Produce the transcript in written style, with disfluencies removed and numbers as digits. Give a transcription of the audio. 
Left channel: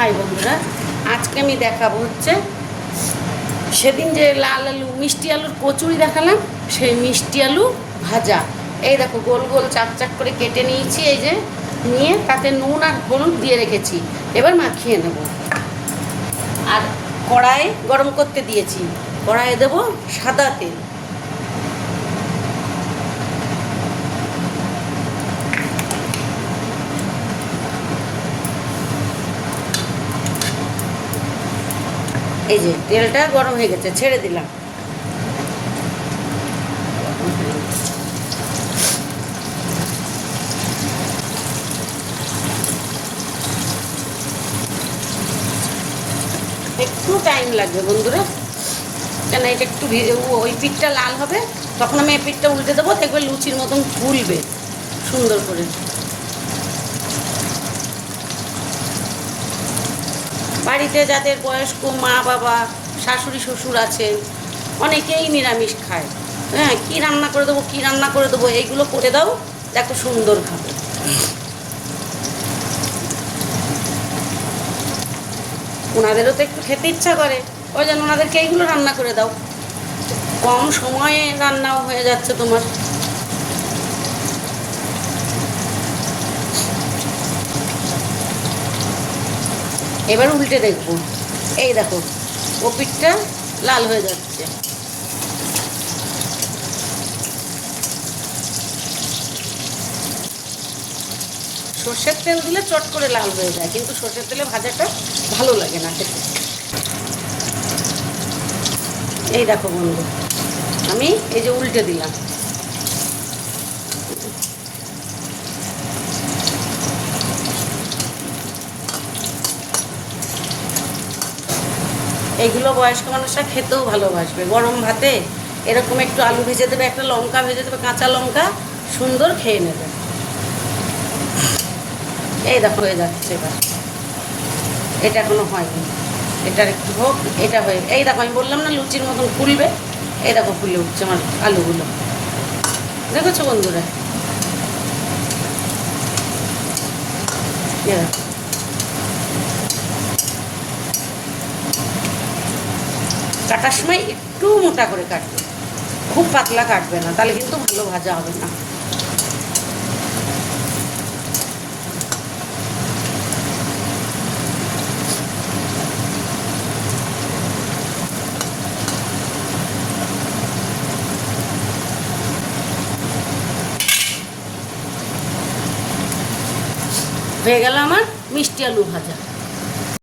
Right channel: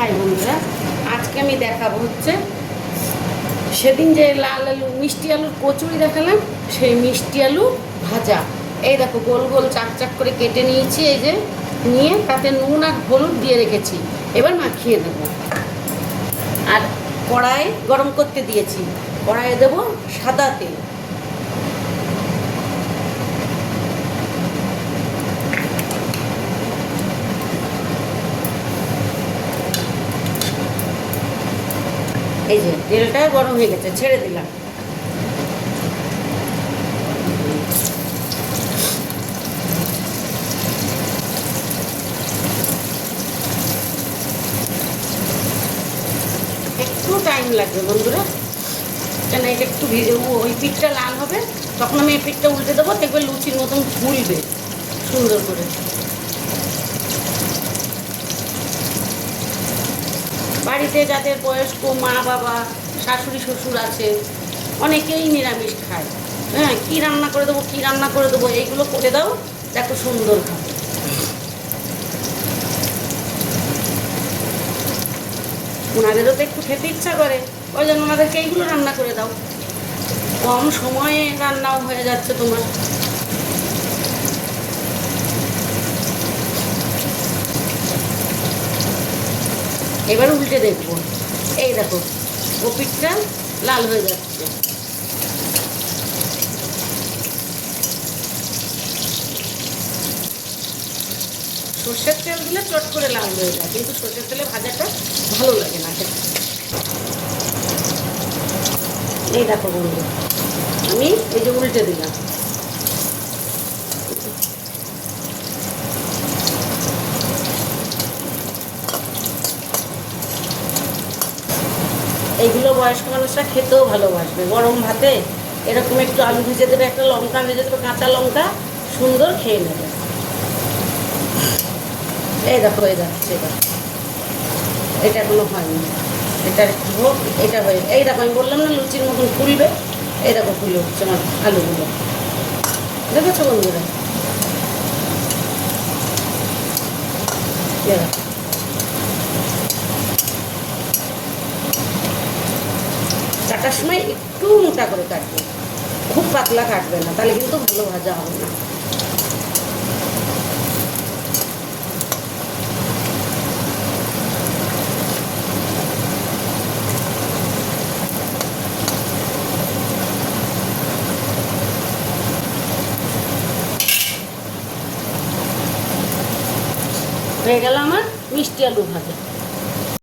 High বন্ধুরা, আজকে আমি দেখাবো হচ্ছে সেদিন যে লাল আলু মিষ্টি আলুর কচুরি দেখালাম, সেই মিষ্টি আলু ভাজা। এই দেখো গোল গোল চাক চাক করে কেটে নিয়েছি, এই যে নিয়ে তাতে নুন আর হলুদ দিয়ে রেখেছি। এবার মাখিয়ে নেব। আর কড়াই গরম করতে দিয়েছি, কড়াইয়ে দেবো সাদা তেল। এই যে তেলটা গরম হয়ে গেছে, ছেড়ে দিলাম। একটু টাইম লাগবে বন্ধুরা, কেন এটা একটু ওই পিঠটা লাল হবে, তখন আমি এই পিঠটা উল্টে দেবো, দেখবে লুচির মতন ফুলবে সুন্দর করে। বাড়িতে যাদের বয়স্ক মা বাবা শাশুড়ি শ্বশুর আছে, অনেকেই নিরামিষ খায়। হ্যাঁ, কী রান্না করে দেবো কী রান্না করে দেবো, এইগুলো করে দাও, দেখো সুন্দর খাবে। ওনাদেরও তো একটু খেতে ইচ্ছা করে, ওই জন্য ওনাদেরকে এইগুলো রান্না করে দাও। কম সময়ে রান্নাও হয়ে যাচ্ছে তোমার। এবার উল্টে দেখবো, এই দেখো ও পিঠটা লাল হয়ে যাচ্ছে। সর্ষের তেল দিলে চট করে লাল হয়ে যায়, কিন্তু সর্ষের তেলে ভাজাটা ভালো লাগে না খেতে। এই দেখো বন্ধু, আমি এই যে উল্টে দিলাম। এইগুলো বয়স্ক মানুষরা খেতেও ভালোবাসবে। গরম ভাতে এরকম একটু আলু ভেজে দেবে, একটা লঙ্কা ভেজে দেবে, কাঁচা লঙ্কা, সুন্দর খেয়ে নেবে। এই দেখো হয়ে যাচ্ছে। এবার এটা এখনো হয়নি, এটার একটু হোক, এটা হয়ে, এই দেখো আমি বললাম না লুচির মতন ফুলবে। এই দেখো ফুলে উঠছে আমার আলুগুলো, দেখেছো বন্ধুরা? কাটার সময় একটু মোটা করে কাটবে, খুব পাতলা কাটবে না, তাহলে কিন্তু ভালো ভাজা হবে না। হয়ে গেল আমার মিষ্টি আলু ভাজা।